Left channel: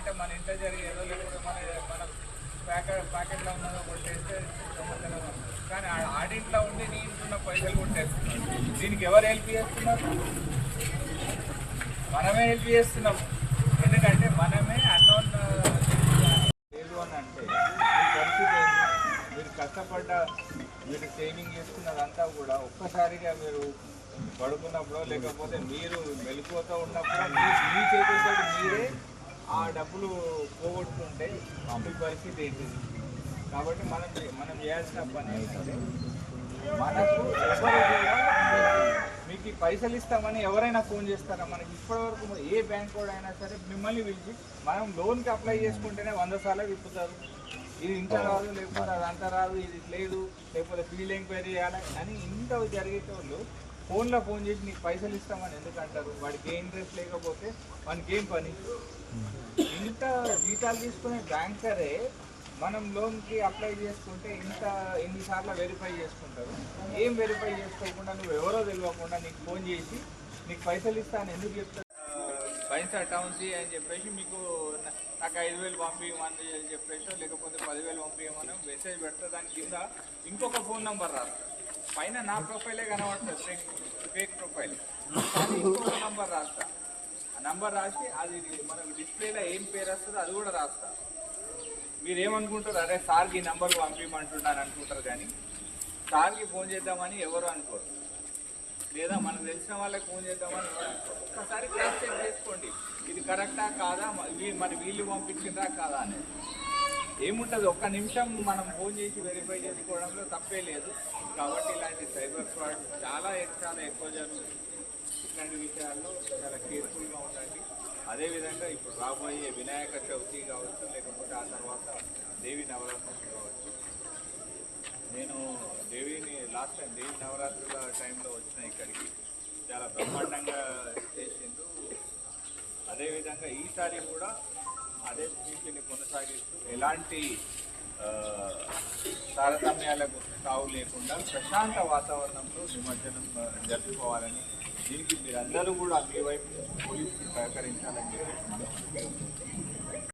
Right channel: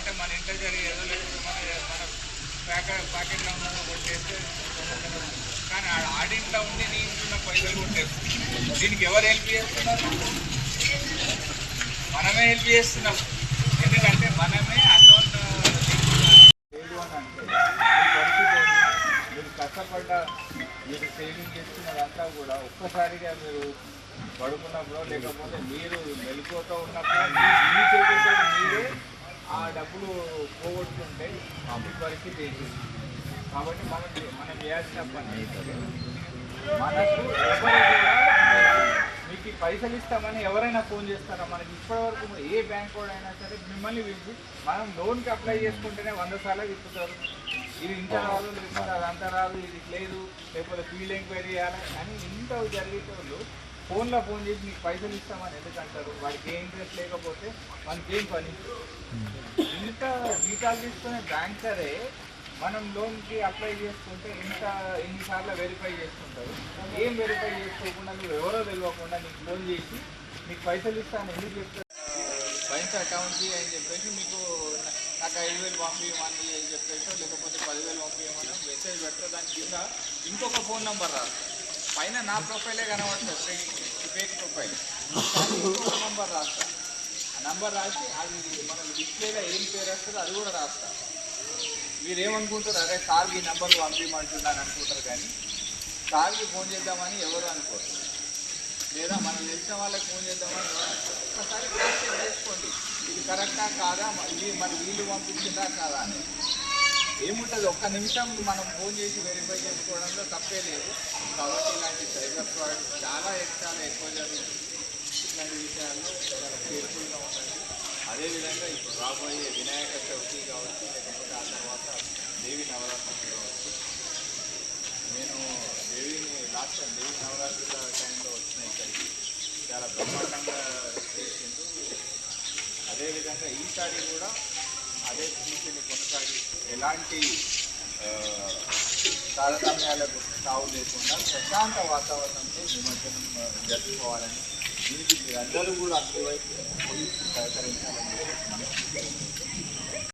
అంటే మన ఇంట్లో జరిగేదో లేకపోతే మన మన ప్యాకెట్ ప్యాకెట్లో ఉన్నదో కొట్టేస్తే కానీ ఆ ఆడింట్లో ఉండి నీ ఇంట్లో ఉన్న పైసలు కొట్టేస్తున్నాం దీనికి ఎవరు హెల్ప్ చేస్తున్నారు? మనమే హెల్ప్ చేస్తున్నాం. ఎందుకంటే మనమే అన్నోన్ లేదు అని అంటే పరిస్థితి మీరు కష్టపడ్డ మీరు సేవింగ్ చేస్తున్నదంతా కూడా ఒక్కసారిగా మీరు పడుకున్నప్పుడు లేకపోతే మీరు మెలకువతో ఉన్నప్పుడు మీ చేతులతో మీరే ఆ డబ్బులు పోగొట్టుకుంటే మీ పరిస్థితి ఏంటి? కాబట్టి మనకి మనం చేయాల్సిన పని మనకు మీకు ఈ పైసలు ఇస్తామని ఎవరైనా ఫోన్ చేస్తారా? మనకి ఇప్పటివరకు ఏ బ్యాంక్ కూడా అయినా సరే మిమ్మల్ని పిలిచి మనం లోన్కి అప్లై చేసుకుంటేనే వంద సార్లు విప్పుతారు ఇది ఇంత రాదు లేకపోతే అది అంత రాదు ఇది లేదు లేకపోతే ఫీల్డ్ ఎంక్వైరీ చేయాలి అని ఇంత జరిగేటోళ్ళు ఫోన్లో ఫోన్ చేసి నీకు పైసలు ఇస్తామని ఎందుకు అంటారు? వాడికి ఏ ఇంట్రెస్ట్ లేకపోతే మనకి ఏం పని? ఇంత జీతాలు తీసుకునే బ్యాంకరే మనం లోన్కి అప్లై చేసుకుంటే ఇంత ఎన్నిసార్లు వెరిఫై చేసుకుంటారు? ఏం వెరిఫై చేసుకోకుండా నువ్వు ఎవరో తెలియకుండా నీకు ఫోన్ చేసి నీకు పైసలు ఇస్తాను ఎందుకు చెప్తారు? బైన్స్ అకౌంట్ అని చెప్పేసి మీకు నాకు ఐదు వేలు పంపించమని అని చెప్పేసి లేకపోతే పదివేలు పంపించమని మెసేజ్ పెడితే దాని కింద ఇంకొక ఫోన్ నెంబర్ రాదు. పైన నా ప్రొఫైలే కనబడుతుంది ఫేక్ ప్రొఫైల్. ఇంకొక నెంబర్ రాస్తా. ఆ నంబర్ రాసి అది మనం డిస్ప్లేలో ఏం పేరు వస్తుందో అది కూడా రాస్తా. మీరు ఏమనుకుంటారు అరే సార్కి ఈ నెంబర్ పంపించమంటున్నాను అనుకుంటారు కానీ సార్కి ఫోన్ చేద్దామని ఎవరు అనుకోరు. లేదా మనం తెలిసిన వాళ్ళకి ఫోన్ చేద్దామని ఎవరు అనుకోరు. ఒక్కసారి క్రాస్ చెక్ చేసుకోండి. ఇది కరెక్టా కాదా? ఇది మరి వీళ్ళు పంపించిందా కాదా అని. ఏముంటుంది? ఒక్క నిమిషం మనం ఫోన్ చేసి వెరిఫై చేసుకోవడంలో తప్పే లేదు. కాబట్టి ఇలాంటి సైబర్ ఫ్రాడ్ చాలా చాలా ఎక్కువ జరుగుతుంది ఇట్లాంటి విషయాల్లో చాలా కేర్ఫుల్గా ఉండండి. అదేవిధంగా ఇప్పుడు రాబోయే వినాయక చవితి కావచ్చు లేకపోతే ఆ తర్వాత దేవి నవరాత్రులు కావచ్చు. నేను దేవిని లాస్ట్ టైం దేవి నవరాత్రుల టైంలో వచ్చిన ఇక్కడికి చాలా బ్రహ్మాండంగా చేసిండు అదేవిధంగా ఈసారి కూడా అదే స్ఫూర్తిని కొనసాగిస్తూ ఎలాంటి తారతమ్యాలకు తావు లేకుండా ప్రశాంత వాతావరణంలో నిమజ్జనం జరుపుకోవాలని దీనికి మీరందరూ కూడా అన్ని వైపు పోలీసులు సహకరించాలని చెప్పి మనం